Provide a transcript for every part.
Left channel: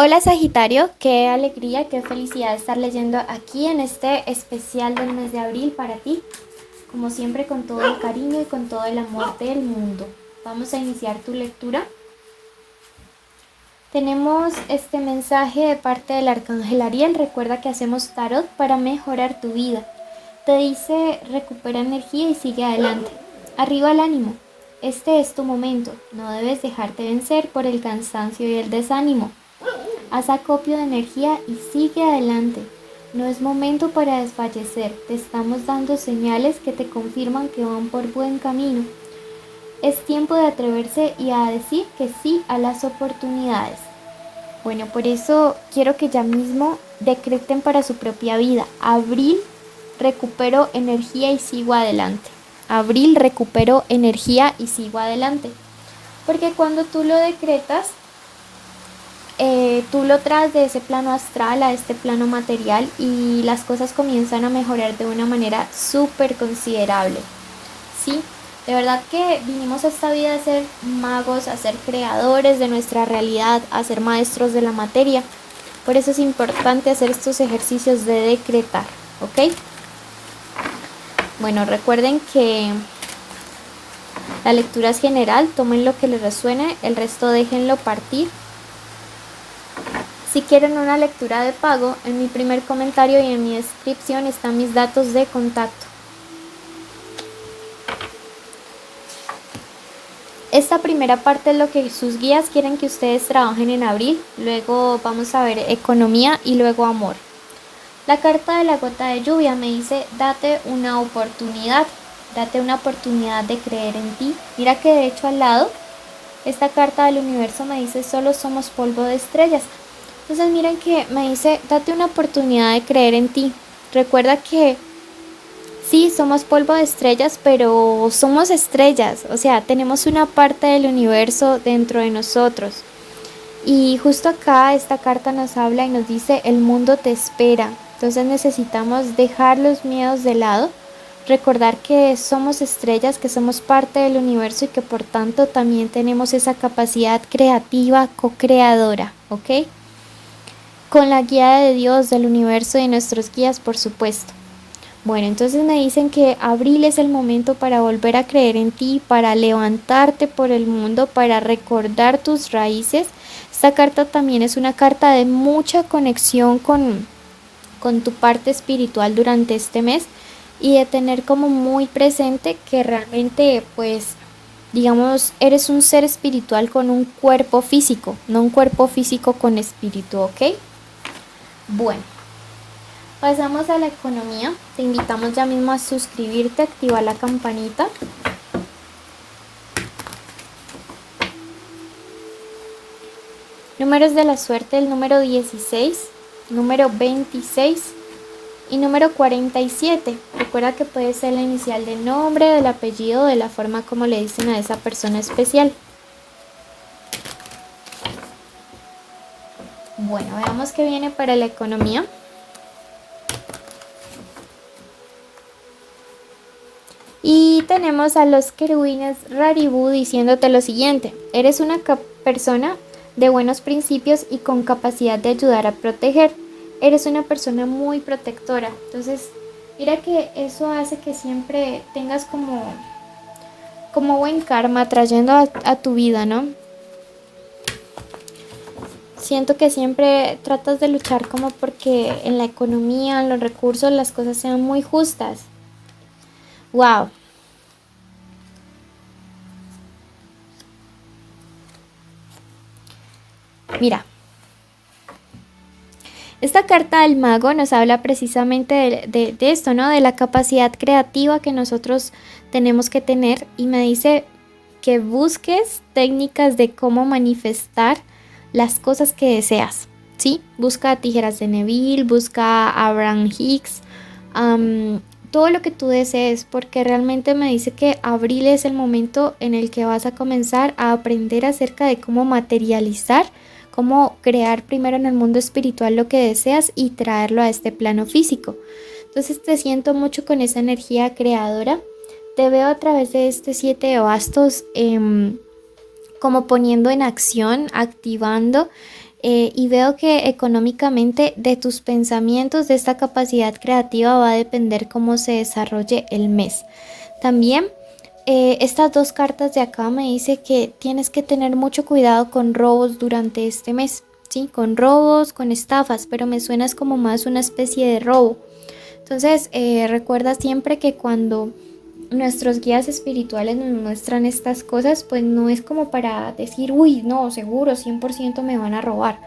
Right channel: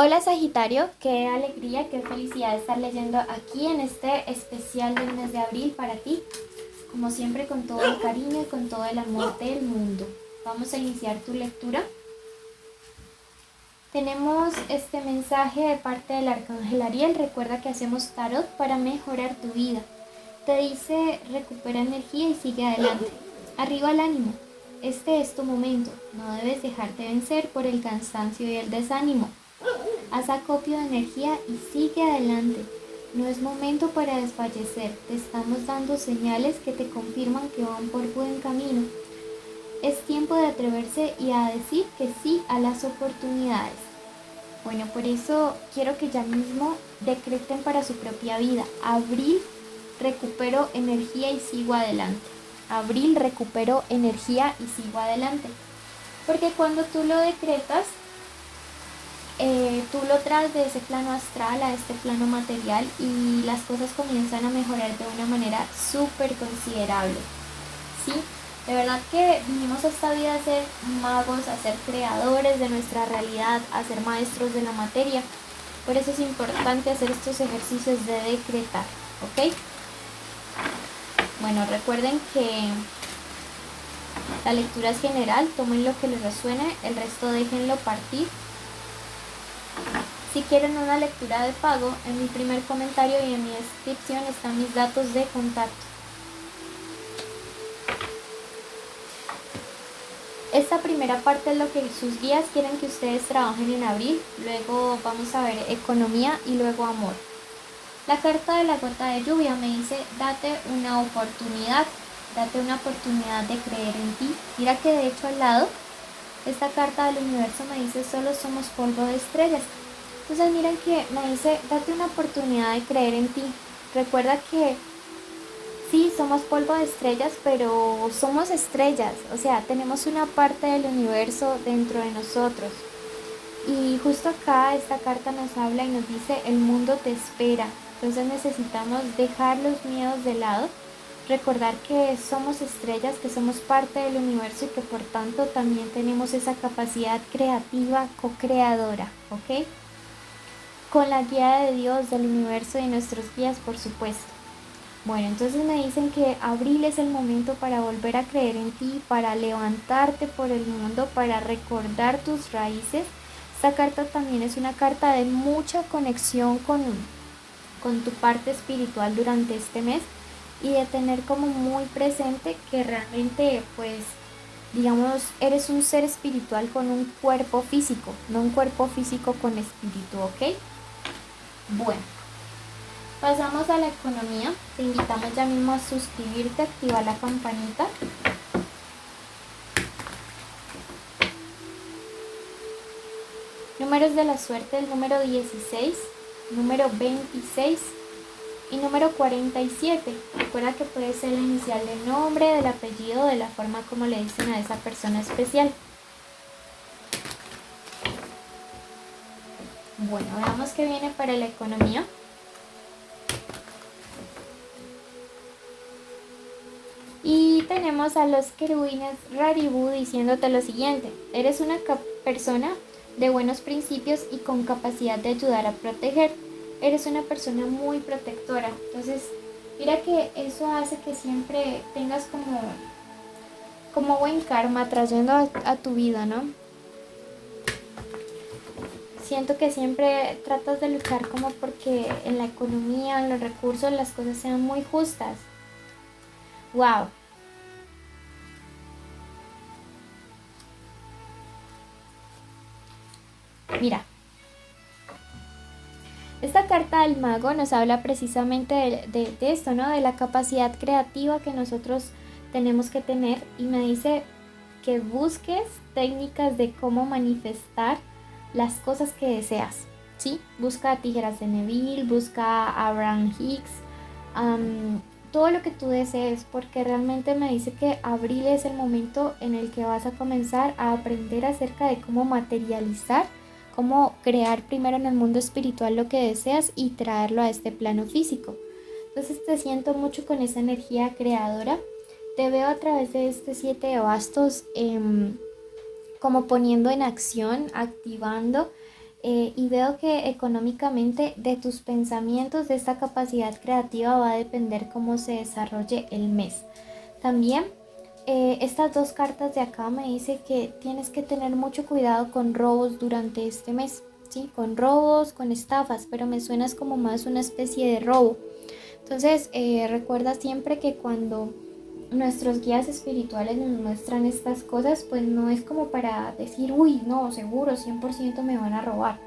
Hola Sagitario, qué alegría, qué felicidad estar leyendo aquí en este especial del mes de abril para ti, como siempre con todo el cariño y con todo el amor del mundo. Vamos a iniciar tu lectura. Tenemos este mensaje de parte del Arcángel Ariel. Recuerda que hacemos tarot para mejorar tu vida. Te dice: recupera energía y sigue adelante. Arriba el ánimo. Este es tu momento. No debes dejarte vencer por el cansancio y el desánimo. Haz acopio de energía y sigue adelante. No es momento para desfallecer. Te estamos dando señales que te confirman que van por buen camino. Es tiempo de atreverse y a decir que sí a las oportunidades. Bueno, por eso quiero que ya mismo decreten para su propia vida: abril, recupero energía y sigo adelante. Abril, recupero energía y sigo adelante. Porque cuando tú lo decretas, tú lo traes de ese plano astral a este plano material y las cosas comienzan a mejorar de una manera súper considerable. ¿Sí? De verdad que vinimos a esta vida a ser magos, a ser creadores de nuestra realidad, a ser maestros de la materia. Por eso es importante hacer estos ejercicios de decretar, ¿ok? Bueno, recuerden que la lectura es general, tomen lo que les resuene, el resto déjenlo partir. Si quieren una lectura de pago, en mi primer comentario y en mi descripción están mis datos de contacto. Esta primera parte es lo que sus guías quieren que ustedes trabajen en abril, luego vamos a ver economía y luego amor. La carta de la gota de lluvia me dice: date una oportunidad de creer en ti. Mira que de hecho al lado, esta carta del universo me dice: solo somos polvo de estrellas. Entonces miren que me dice: date una oportunidad de creer en ti. Recuerda que sí, somos polvo de estrellas, pero somos estrellas. O sea, tenemos una parte del universo dentro de nosotros. Y justo acá esta carta nos habla y nos dice: el mundo te espera. Entonces necesitamos dejar los miedos de lado, recordar que somos estrellas, que somos parte del universo y que por tanto también tenemos esa capacidad creativa, co-creadora, ¿ok? Con la guía de Dios, del universo y de nuestros guías, por supuesto. Bueno, entonces me dicen que abril es el momento para volver a creer en ti, para levantarte por el mundo, para recordar tus raíces. Esta carta también es una carta de mucha conexión con tu parte espiritual durante este mes y de tener como muy presente que realmente, pues, digamos, eres un ser espiritual con un cuerpo físico, no un cuerpo físico con espíritu, ¿ok? Bueno, pasamos a la economía. Te invitamos ya mismo a suscribirte, activar la campanita. Números de la suerte: el número 16, número 26 y número 47. Recuerda que puede ser la inicial del nombre, del apellido, de la forma como le dicen a esa persona especial. Bueno, veamos qué viene para la economía. Y tenemos a los querubines Raribu diciéndote lo siguiente: eres una persona de buenos principios y con capacidad de ayudar a proteger. Eres una persona muy protectora. Entonces, mira que eso hace que siempre tengas como buen karma trayendo a tu vida, ¿no? Siento que siempre tratas de luchar como porque en la economía, en los recursos, las cosas sean muy justas. ¡Wow! Mira, esta carta del mago nos habla precisamente de esto, ¿no? De la capacidad creativa que nosotros tenemos que tener, y me dice que busques técnicas de cómo manifestar las cosas que deseas, ¿sí? Busca tijeras de Neville, busca Abraham Hicks, todo lo que tú desees, porque realmente me dice que abril es el momento en el que vas a comenzar a aprender acerca de cómo materializar, cómo crear primero en el mundo espiritual lo que deseas y traerlo a este plano físico. Entonces te siento mucho con esa energía creadora. Te veo a través de este 7 de bastos, como poniendo en acción, activando Y veo que económicamente de tus pensamientos, de esta capacidad creativa va a depender cómo se desarrolle el mes. También estas dos cartas de acá me dice que tienes que tener mucho cuidado con robos durante este mes, ¿sí? Con robos, con estafas, pero me suenas como más una especie de robo. Entonces, recuerda siempre que cuando nuestros guías espirituales nos muestran estas cosas, pues no es como para decir, uy, no, seguro, 100% me van a robar.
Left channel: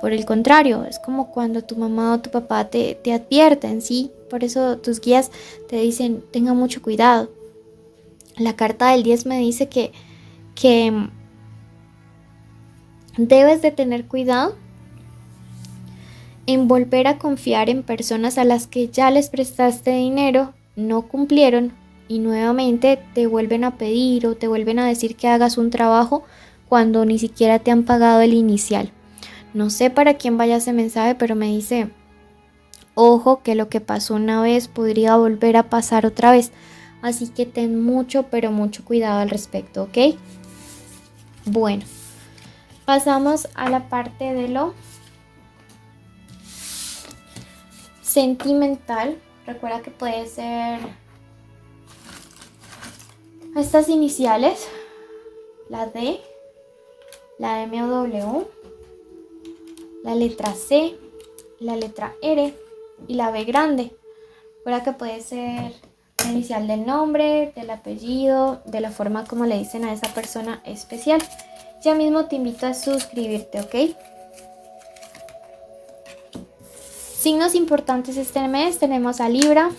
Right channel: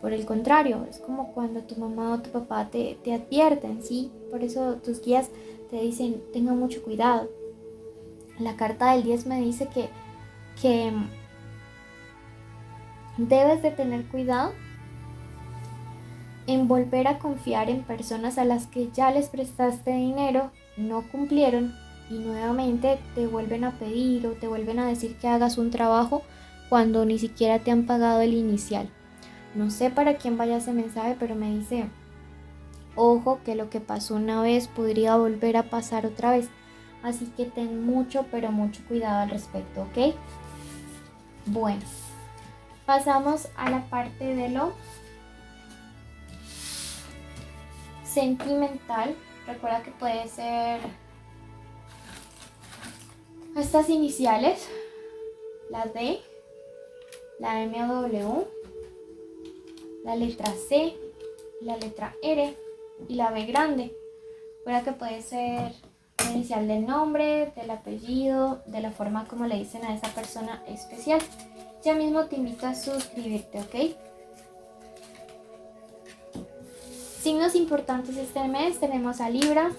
Por el contrario, es como cuando tu mamá o tu papá te advierten, ¿sí? Por eso tus guías te dicen, tenga mucho cuidado. La carta del 10 me dice que debes de tener cuidado en volver a confiar en personas a las que ya les prestaste dinero, no cumplieron y nuevamente te vuelven a pedir o te vuelven a decir que hagas un trabajo cuando ni siquiera te han pagado el inicial. No sé para quién vaya ese mensaje, pero me dice, ojo que lo que pasó una vez podría volver a pasar otra vez. Así que ten mucho, pero mucho cuidado al respecto, ¿ok? Bueno, pasamos a la parte de lo sentimental. Recuerda que puede ser estas iniciales, la D, la M o W, la letra C, la letra R y la B grande. Recuerda que puede ser la inicial del nombre, del apellido, de la forma como le dicen a esa persona especial. Ya mismo te invito a suscribirte, ¿ok? Signos importantes este mes, tenemos a Libra,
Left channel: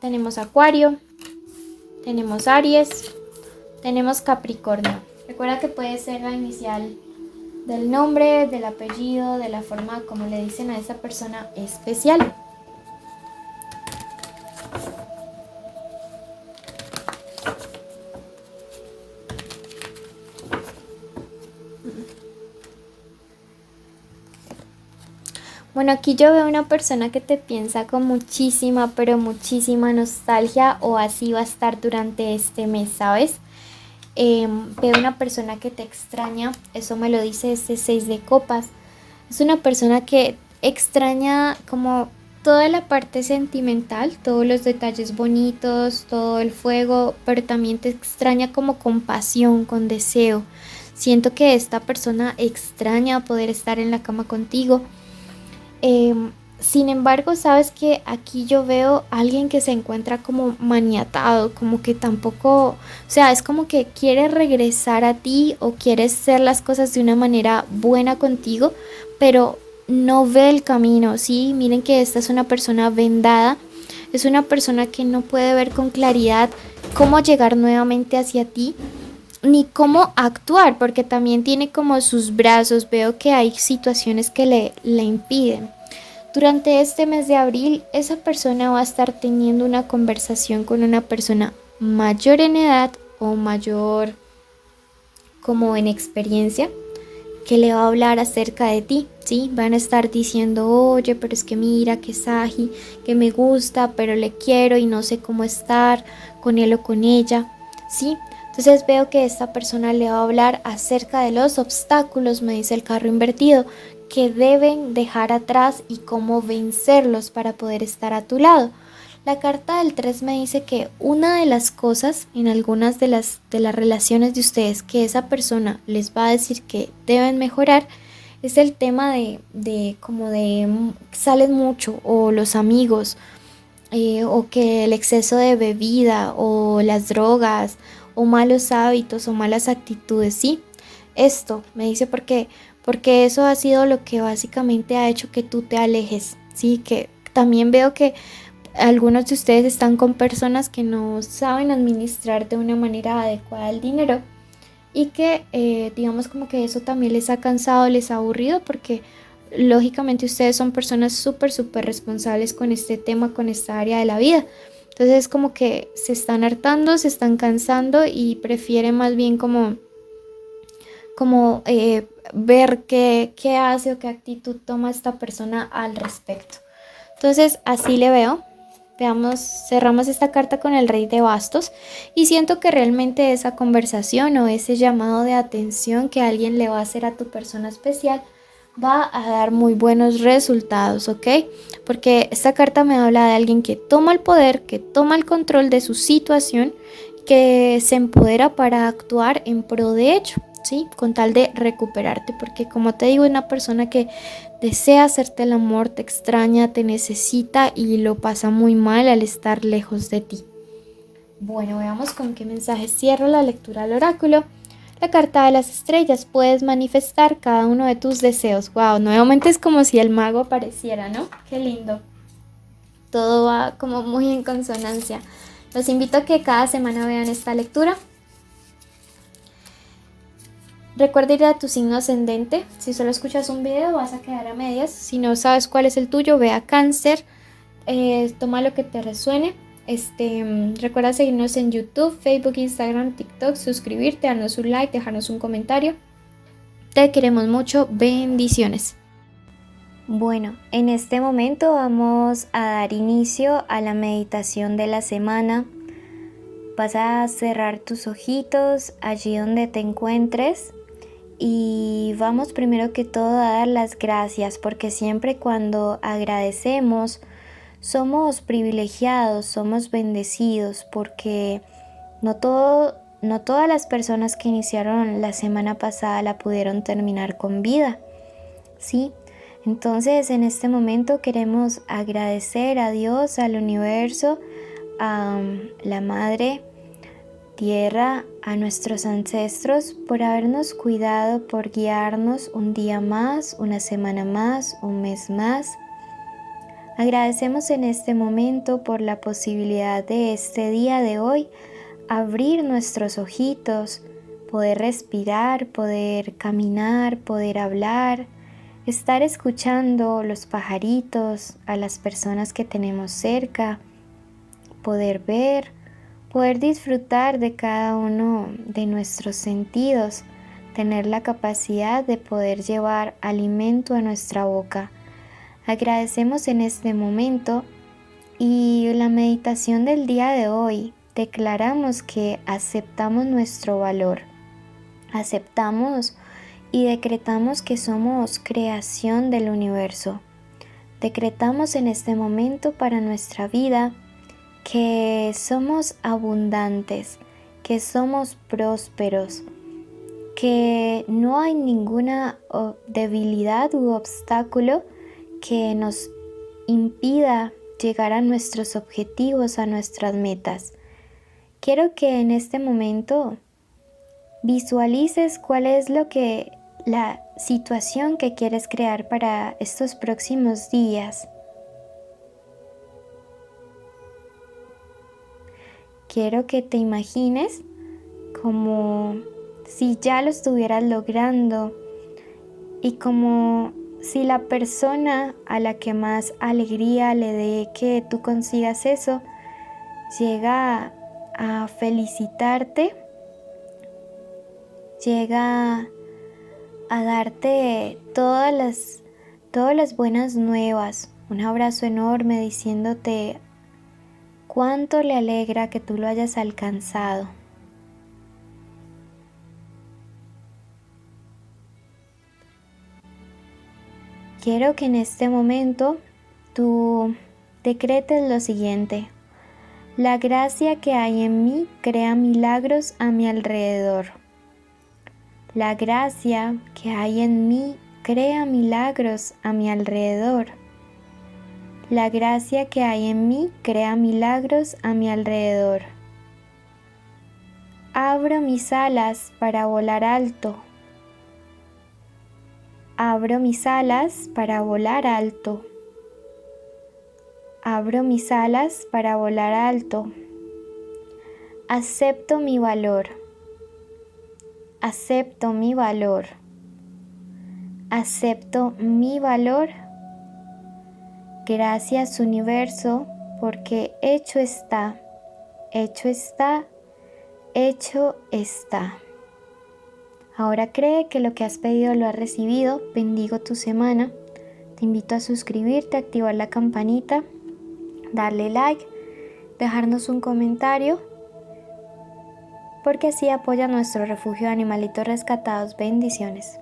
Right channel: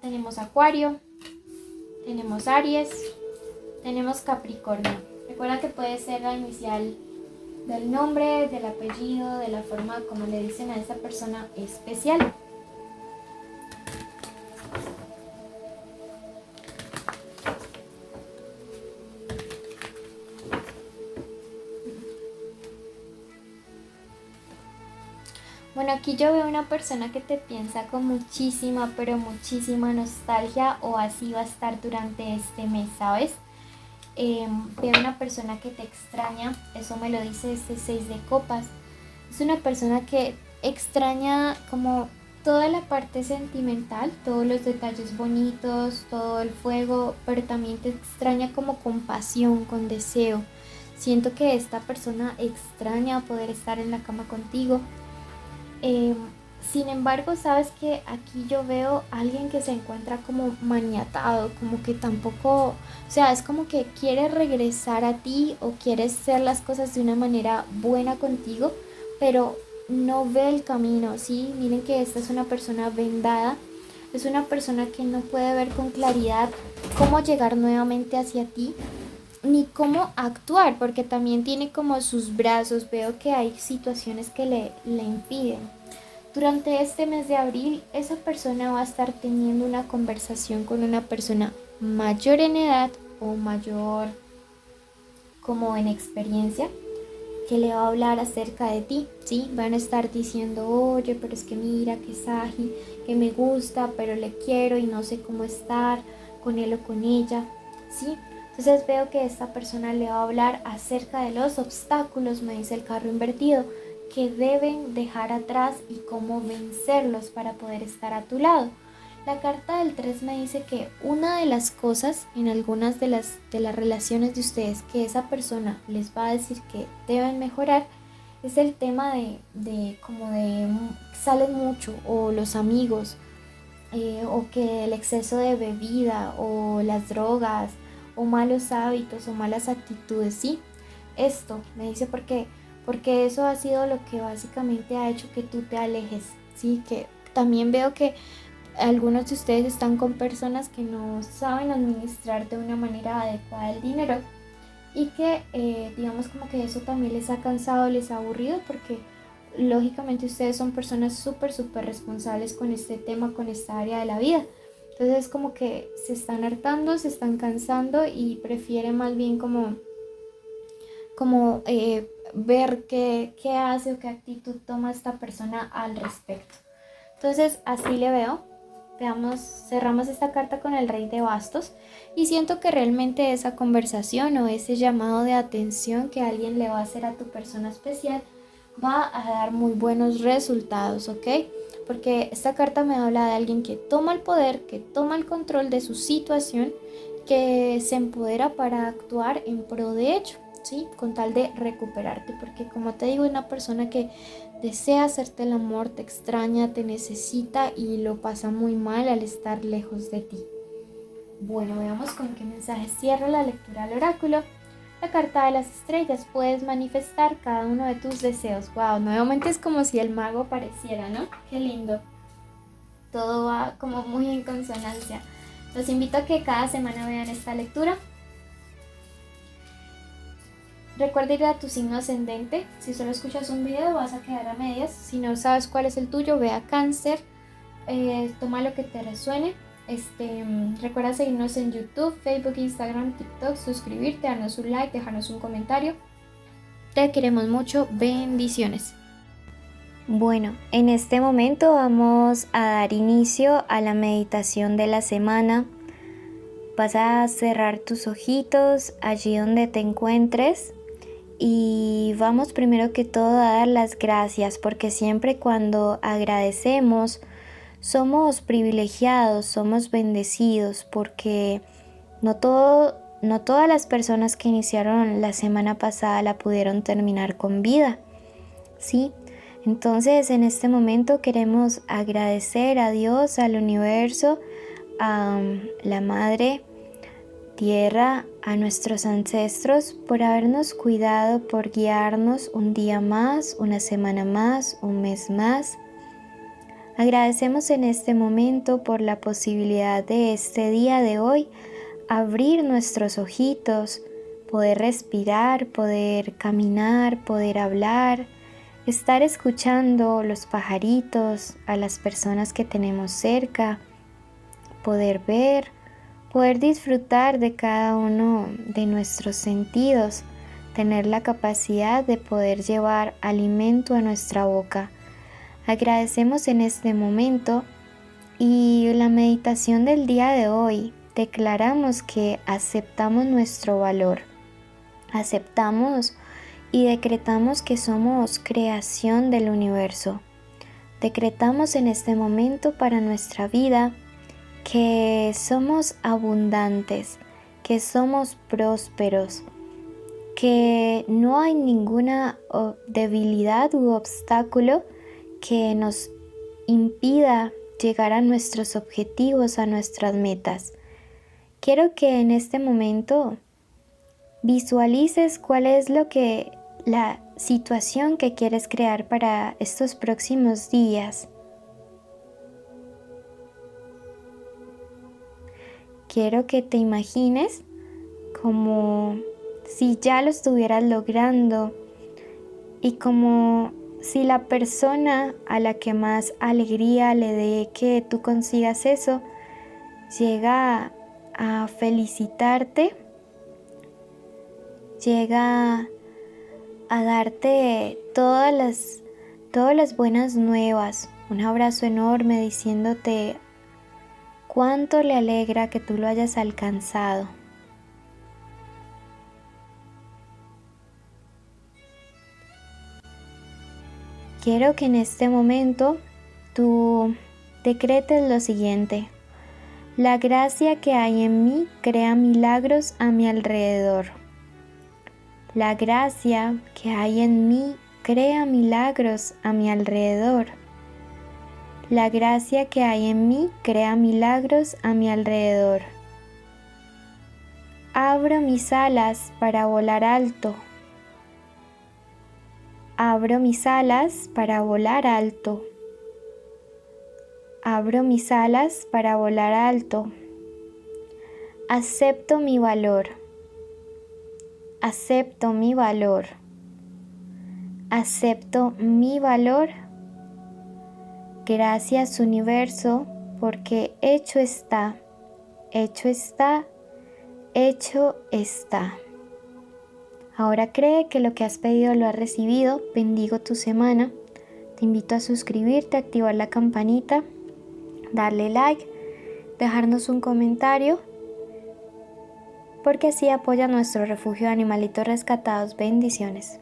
tenemos Acuario, tenemos Aries, tenemos Capricornio. Recuerda que puede ser la inicial del nombre, del apellido, de la forma como le dicen a esa persona especial. Bueno, aquí yo veo una persona que te piensa con muchísima, pero muchísima nostalgia, o así va a estar durante este mes, ¿sabes? Veo una persona que te extraña, eso me lo dice este 6 de copas. Es una persona que extraña como toda la parte sentimental, todos los detalles bonitos, todo el fuego, pero también te extraña como con pasión, con deseo. Siento que esta persona extraña poder estar en la cama contigo. Sin embargo, sabes que aquí yo veo a alguien que se encuentra como maniatado, como que tampoco, o sea, es como que quiere regresar a ti o quiere hacer las cosas de una manera buena contigo, pero no ve el camino, ¿sí? Miren que esta es una persona vendada, es una persona que no puede ver con claridad cómo llegar nuevamente hacia ti ni cómo actuar, porque también tiene como sus brazos, veo que hay situaciones que le impiden. Durante este mes de abril, esa persona va a estar teniendo una conversación con una persona mayor en edad o mayor como en experiencia, que le va a hablar acerca de ti, ¿sí? Van a estar diciendo, oye, pero es que mira, que Saji, que me gusta, pero le quiero y no sé cómo estar con él o con ella, ¿sí? Entonces veo que esta persona le va a hablar acerca de los obstáculos, me dice el carro invertido, que deben dejar atrás y cómo vencerlos para poder estar a tu lado. La carta del 3 me dice que una de las cosas en algunas de las relaciones de ustedes que esa persona les va a decir que deben mejorar es el tema de como de salen mucho o los amigos, o que el exceso de bebida o las drogas o malos hábitos o malas actitudes, ¿sí? Esto me dice porque eso ha sido lo que básicamente ha hecho que tú te alejes, ¿sí? Que también veo que algunos de ustedes están con personas que no saben administrar de una manera adecuada el dinero y que digamos como que eso también les ha cansado, les ha aburrido porque lógicamente ustedes son personas súper responsables con este tema, con esta área de la vida. Entonces es como que se están hartando, se están cansando y prefieren más bien como ver qué hace o qué actitud toma esta persona al respecto. Entonces así le veo. Veamos, cerramos esta carta con el Rey de Bastos y siento que realmente esa conversación o ese llamado de atención que alguien le va a hacer a tu persona especial va a dar muy buenos resultados, ¿ok? Porque esta carta me habla de alguien que toma el poder, que toma el control de su situación, que se empodera para actuar en pro de ello, ¿sí? Con tal de recuperarte, porque como te digo, es una persona que desea hacerte el amor, te extraña, te necesita y lo pasa muy mal al estar lejos de ti. Bueno, veamos con qué mensaje cierro la lectura al oráculo. La carta de las estrellas, puedes manifestar cada uno de tus deseos. Wow, nuevamente es como si el mago apareciera, ¿no? Qué lindo. Todo va como muy en consonancia. Los invito a que cada semana vean esta lectura. Recuerda ir a tu signo ascendente. Si solo escuchas un video vas a quedar a medias. Si no sabes cuál es el tuyo, ve a Cáncer. Toma lo que te resuene. Recuerda seguirnos en YouTube, Facebook, Instagram, TikTok, suscribirte, darnos un like, dejarnos un comentario. Te queremos mucho, bendiciones. Bueno, en este momento vamos a dar inicio a la meditación de la semana. Vas a cerrar tus ojitos allí donde te encuentres y vamos primero que todo a dar las gracias, porque siempre cuando agradecemos somos privilegiados, somos bendecidos, porque no todas las personas que iniciaron la semana pasada la pudieron terminar con vida, ¿sí? Entonces en este momento queremos agradecer a Dios, al universo, a la Madre Tierra, a nuestros ancestros por habernos cuidado, por guiarnos un día más, una semana más, un mes más. Agradecemos en este momento por la posibilidad de este día de hoy abrir nuestros ojitos, poder respirar, poder caminar, poder hablar, estar escuchando los pajaritos, a las personas que tenemos cerca, poder ver, poder disfrutar de cada uno de nuestros sentidos, tener la capacidad de poder llevar alimento a nuestra boca. Agradecemos en este momento y la meditación del día de hoy declaramos que aceptamos nuestro valor, aceptamos y decretamos que somos creación del universo. Decretamos en este momento para nuestra vida que somos abundantes, que somos prósperos, que no hay ninguna debilidad u obstáculo que nos impida llegar a nuestros objetivos, a nuestras metas. Quiero que en este momento visualices cuál es la situación que quieres crear para estos próximos días. Quiero que te imagines como si ya lo estuvieras logrando y como si la persona a la que más alegría le dé que tú consigas eso llega a felicitarte, llega a darte todas las buenas nuevas, un abrazo enorme diciéndote cuánto le alegra que tú lo hayas alcanzado. Quiero que en este momento tú decretes lo siguiente: la gracia que hay en mí crea milagros a mi alrededor. La gracia que hay en mí crea milagros a mi alrededor. La gracia que hay en mí crea milagros a mi alrededor. Abro mis alas para volar alto. Abro mis alas para volar alto. Abro mis alas para volar alto. Acepto mi valor. Acepto mi valor. Acepto mi valor. Gracias, universo, porque hecho está, hecho está, hecho está. Ahora cree que lo que has pedido lo has recibido. Bendigo tu semana. Te invito a suscribirte, activar la campanita, darle like, dejarnos un comentario, porque así apoya nuestro refugio de animalitos rescatados. Bendiciones.